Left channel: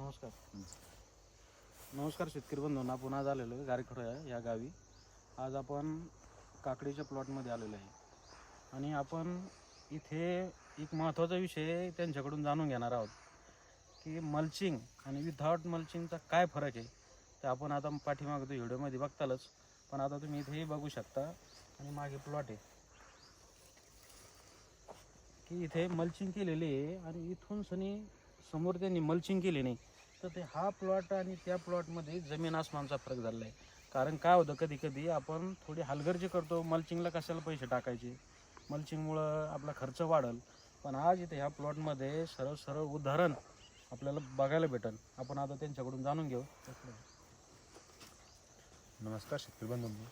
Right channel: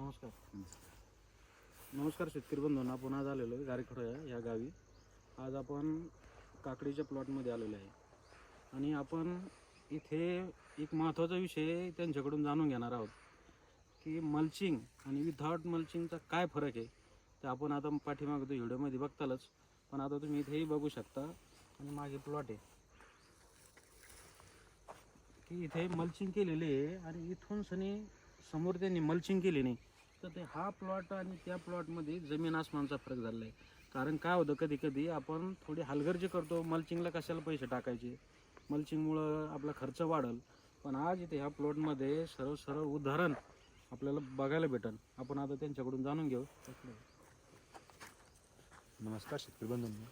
नमस्कार. नमस्कार शेतकरी बंधूंना. पुन्हा झालेलो आहे गारखेडा या गावी. आज आपण काकडीच्या प्लॉटमध्ये आलेलो आहे आणि आपण इथे एक महत्त्वाचा विषय त्यांच्याकडून जाणून घेणार आहोत की मल्चिंग आणि विथआउट मल्चिंगचा काय फरक आहे. ते आपण आता पाठीमागं व्हिडिओमध्ये बघतालच, पण आता तुम्ही इथेही बघू शकता आणि मागे प्लॉट आहे की इथे मल्चिंग केलेले आहे आणि इथून सनी समोर त्यांनी मल्चिंग केली नाही. तर ते हा प्लॉट आणि त्या प्लॉटमध्ये जमीन आसमानचा फरक झालेला आहे. कारण काय होतं, कधी कधी आपण थोडी हलगर्जी करतो, मल्चिंगला कशाला पैसे टाकायचे, मल्चिंगमुळं आपला खर्च वाढेल. पण आज इथे ह्या प्लॉटमध्ये सरळ सरळ उदाहरण आपल्याला बघायला भेटेल. आपण आता त्यांच्याकडून जाणून घेऊ. नमस्कार शेतकरी बंधूंनो.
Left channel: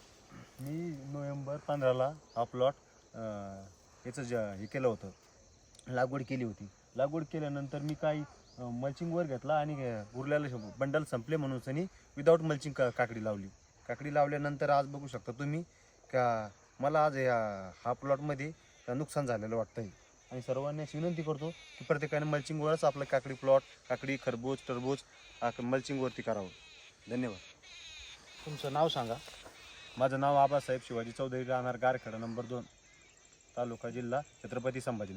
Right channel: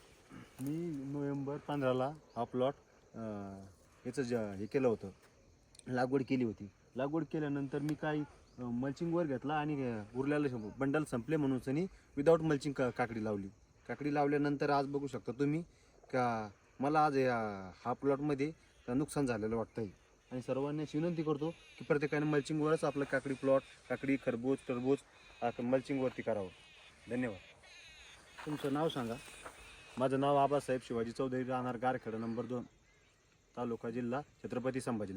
मी नोव्हेंबर 15ला हा प्लॉट याचं हे केलं होतं, लागवड केली होती. लागवड केल्यानंतर मी काही मल्चिंगवर घेतला आणि उरलेलं बंडल संपले म्हणून सनी विदाऊट मल्चिंग काकडी लावली. काकडी लावल्यानंतर आज बघू शकता तुम्ही का मला आज हा प्लॉटमध्ये नुकसान झालेलं वाटतं आहे. आणि सर्वांनी विनंती करतो की प्रत्येकाने मल्चिंगवरच आपलं काकडी प्लॉट, काकडी, खरबूज, टरबूज मल्चिंगवरती करावं. धन्यवाद. तुमचं नाव सांगा. माझं नाव आबासाहेब शिवाजी चौधरी, राहणार गारखेडा नंबर 2, तालुका जिल्हा छत्रपती संभाजी.